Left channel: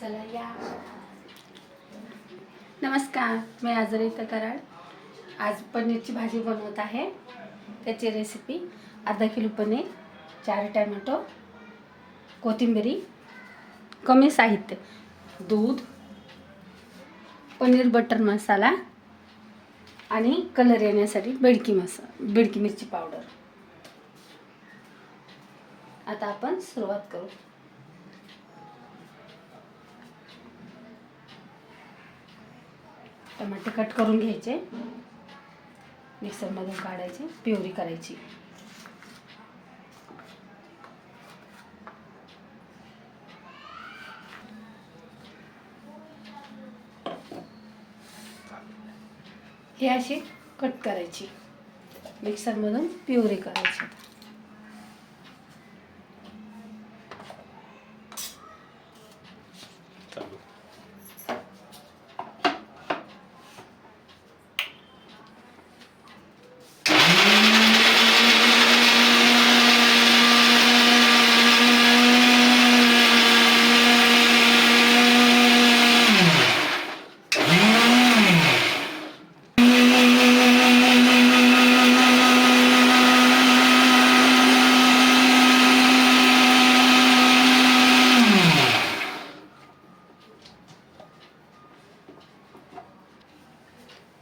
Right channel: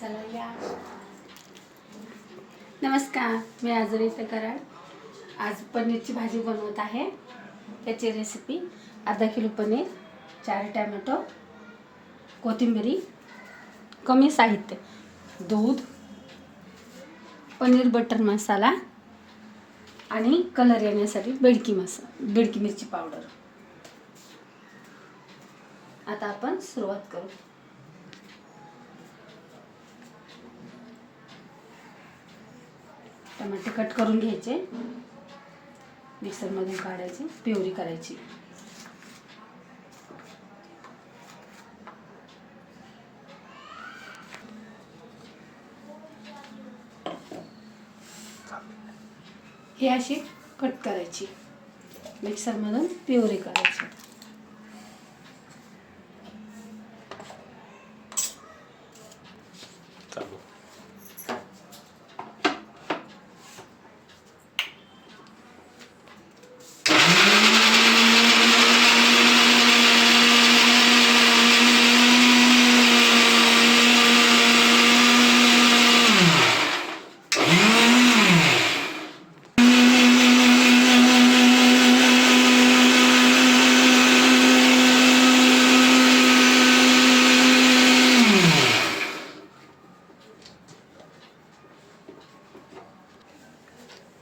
चला या. नमस्कार, मी आजरीता कराड. आज पनीरची भाजी बनवत आहे. त्याची रेसिपी: अर्धा किलो पनीर, 4 टॅमॅटो, कोथिंबीर, कमी साहित्य, दूध, पनीर बटर मसाला आणि कलर येण्यासाठी बेडकी मिरची पावडर. आता आपण सुरुवात करू. टमाटे कट करून घ्यायचे, मिक्सरमधून काढायचे, प्युरी करायची. हे अशी कट करायची, मिक्सरमधून प्युरी करायची.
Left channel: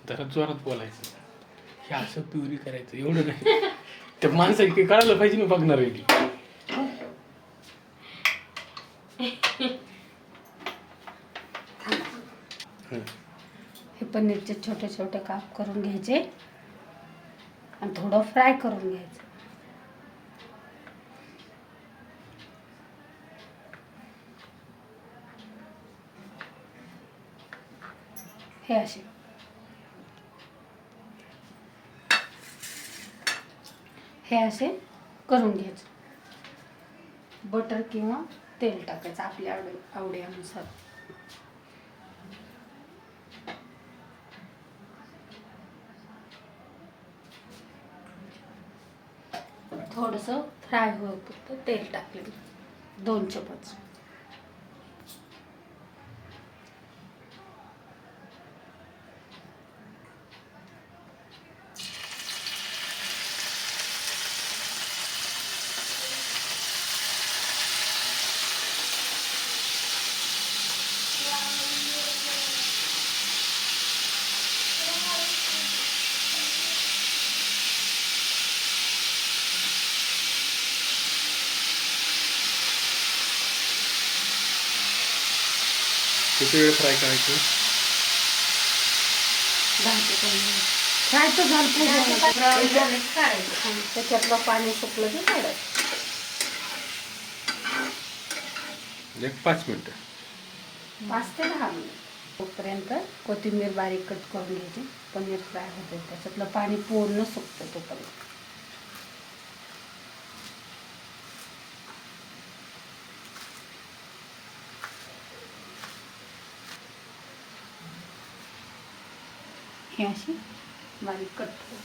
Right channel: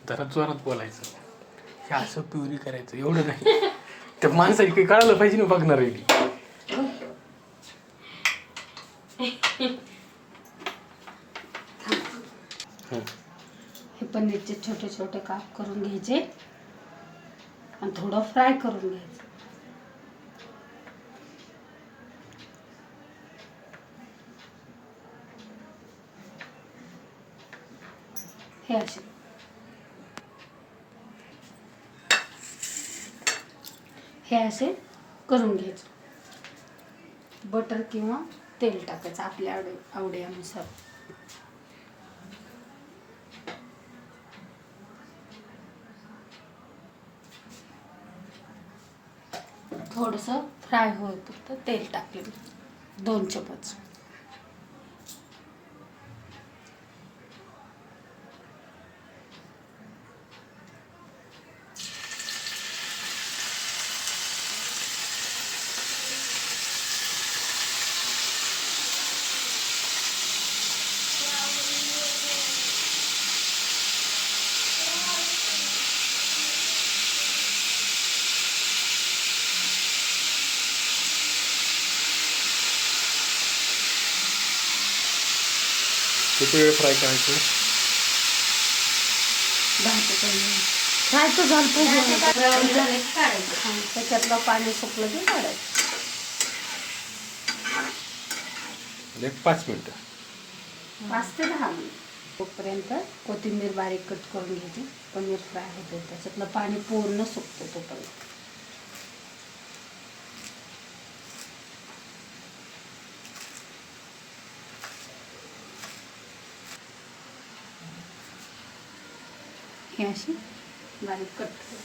जरा जोरात बोलायचं. हे असं प्युरी करायचं एवढं नाही. त्या माणसाची काही कळायला पाहिजे ना बघणार आहे. हे पनीरचे छोटे छोटे काप करून घ्यायचे आणि थोडं फ्राय करून घ्यायचं. हे असे करून घ्यायचं. बटर किंवा तेल टाकायचं आपल्या आवडीनुसार. थोडंसं फ्राय होईपर्यंत तेल टाकलेलं 2 चमच. किती वेळ फ्राय करायचं? 10 ते 15 मिनिट. फ्राय तर झालं पाहिजे. त्याच्यातलं पाणी सुकलं की काढायचं. 5 मिनिटं. 5 ते 10 मिनिट. तोपर्यंत कोथिंबीर बारीक कट करून घ्यायची. पनीर फ्राय होते, त्याच्यातलं पाणी पूर्ण सुकतं तोपर्यंत. हे अशी बारीक कट करू.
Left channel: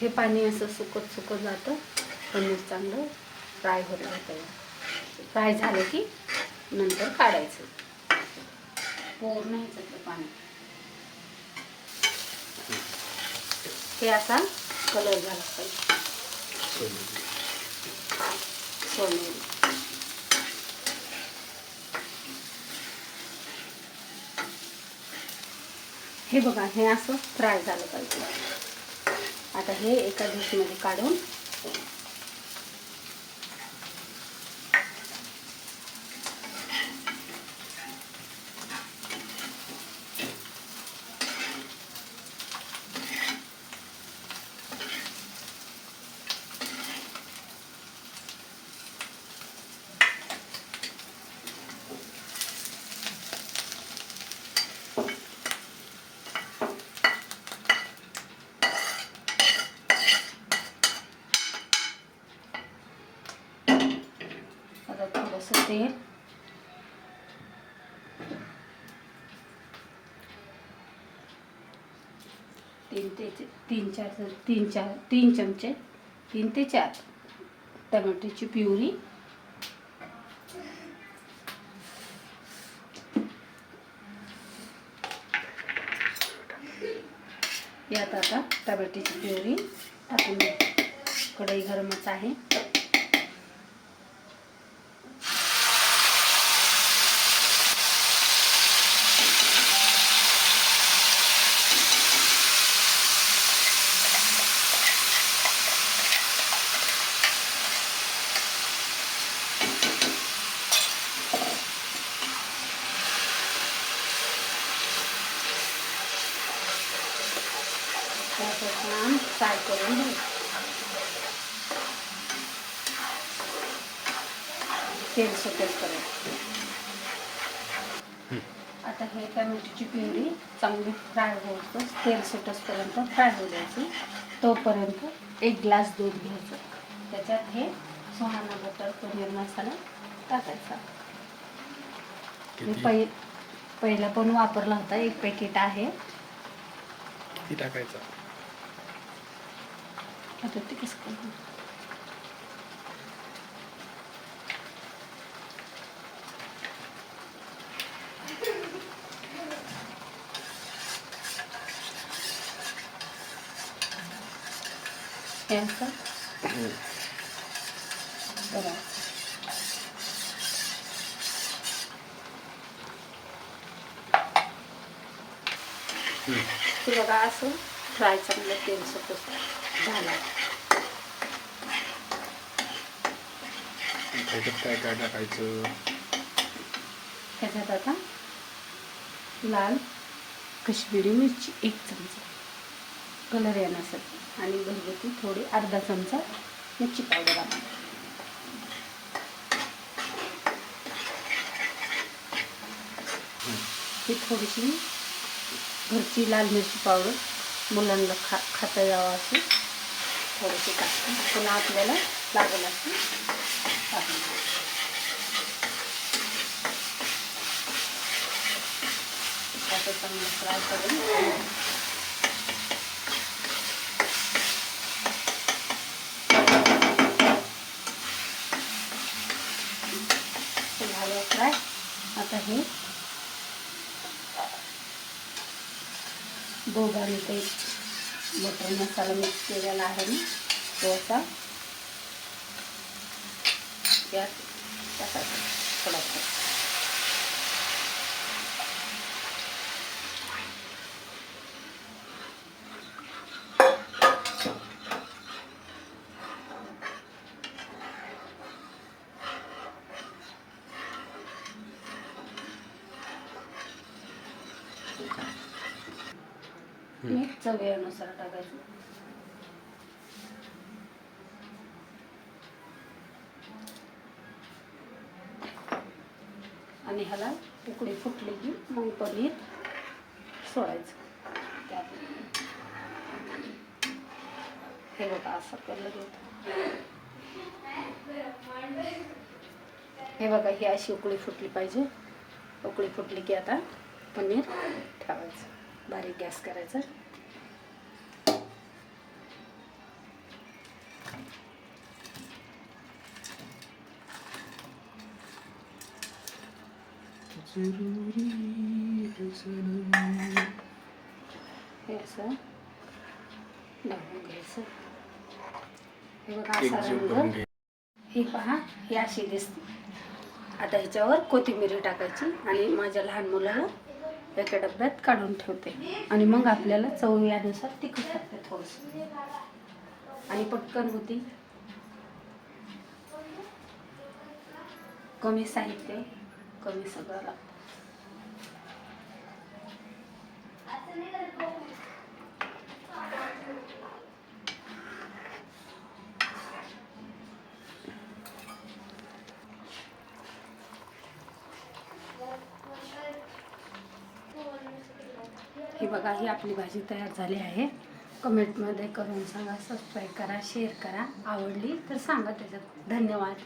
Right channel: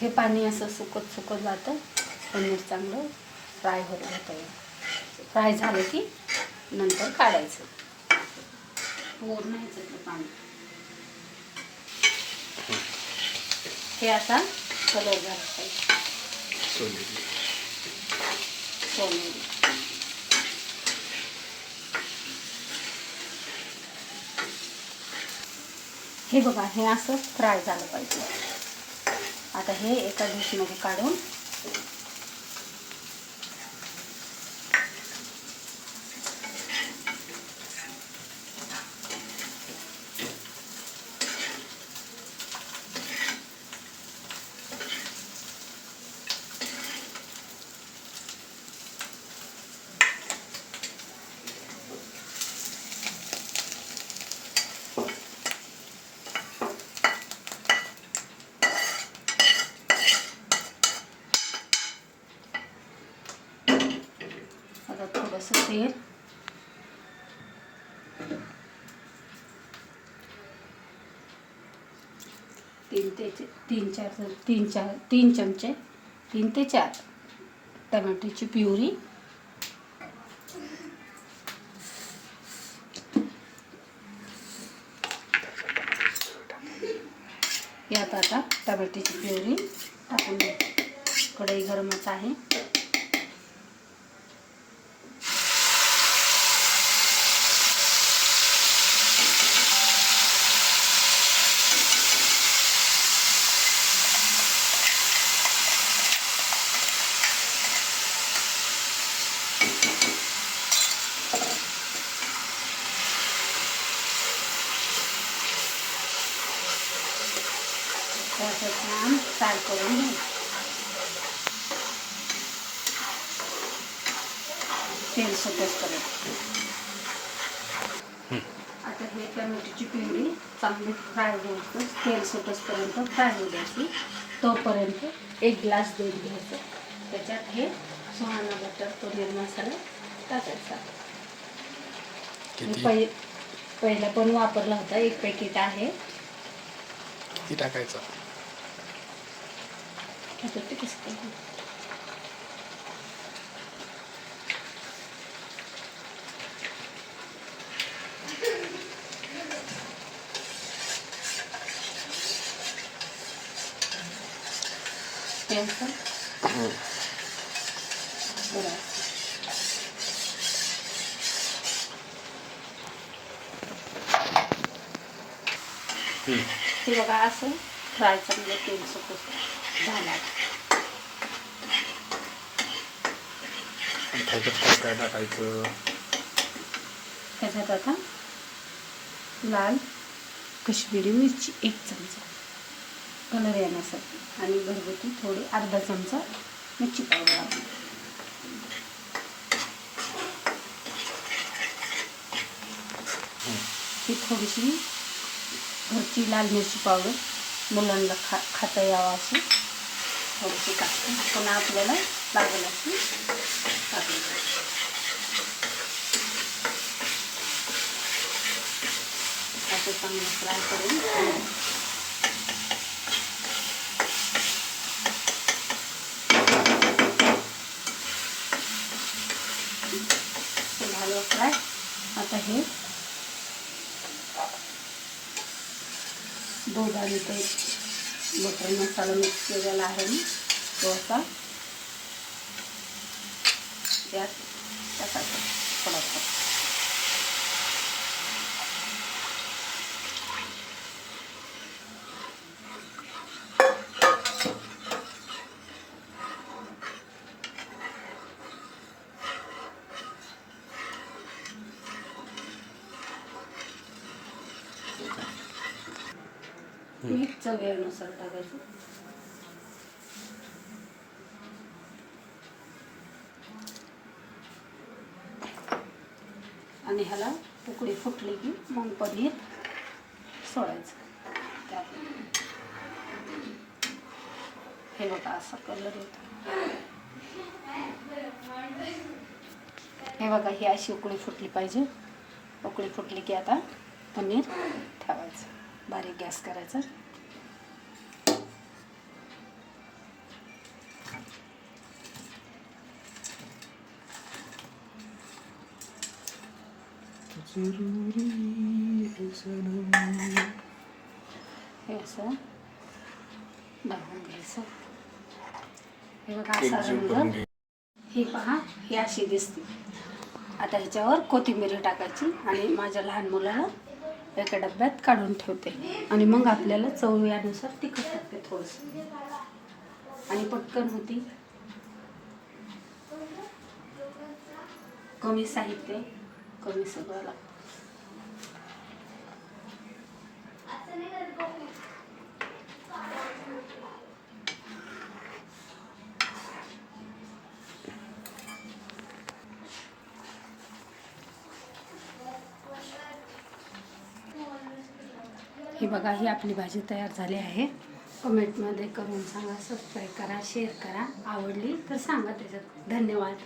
हे पाणी असं सुकत जातं. पनीर चांगलं फ्राय होत जातं. फ्राय झालं की नंतर काढायचं. पूर्ण ह्याच्यातलं पाणी. हे आता कलर झाला पाहिजे सोनेरी. हे बघा, हे असं फ्राय झालं पाहिजे. आता हे एका डिशमध्ये काढून थोडंसं तेल, तीन चमचे 3 ते 4 टमाट्याची प्युरी, यात आता टमाट्याची प्युरी टाकून द्यायची. कढई गरमच आहे. असं छान फ्राय करून घ्यायचं. तेल सुटेपर्यंत. आता हे टमॅटोची प्युरी चांगली फ्राय होतं, तेल सुटेपर्यंत फ्राय होऊ द्यायची. तोपर्यंत 1 ग्लास दूध घ्यायचं. त्याच्यात हे सुहाना बटर पनीर मसाला टाकायचा. पहिला पण वापरला होता, 1 पॅकेट आहे. किती टाकायचं? आता ते कसं काय ते बघा असं फ्राय चांगलं तेल सुटत झाला. त्याच्यात काय टाकायचं? त्याच्यात आता लाल कश्मीरी मिरची 1 चमचा कलर येण्यासाठी, आणि घरगुती थोडी अर्धा चमचा मिरची पावडर आपण. ही थोडीशी घरची लाल मिरची पावडर मुलांना खाता यावं अशी थोडीशी टाकते. पुन्हा आपल्याला लागेल अशी टाकली. असं चांगलं फ्राय करून झालं फ्राय. आता हे दूध आणि ते बटर मसाला मिक्स केलेला आहे मी, तो असा यात टाकायचा थोडासा. मीठ चवीनुसार टाकायचं. आणि ह्याला उकळी फुटली की मग पनीर सोडायचं त्यात. हे बघा असा कलर येतो. हे बघा ही अशी उकळी फुटली पाहिजे. उकळी फुटली की आता पनीर ठेवायचं, बारीक गॅस करायचा. हे असं दाबून घ्यायचं. हे बघा असा रंग. हे पहा, ही अशी दिसते. आता ह्याच्यावर कोथिंबीर टाकायची आणि माझ्या लहान मुलाला एका डब्यात काढून ठेवते. आणि मग आपल्याला चवीनुसार तिखट टाकते थोडंसं, आणि पटकन होती. कमी साहित्य, कमी सगळं लागतं. ही बघा, ही आपली भाजी तयार झाली आहे. कमेंटमध्ये करून सांगा, सबस्क्राईब करा, शेअर करा. आवडली तर सांगा त्याच्यात. धन्यवाद.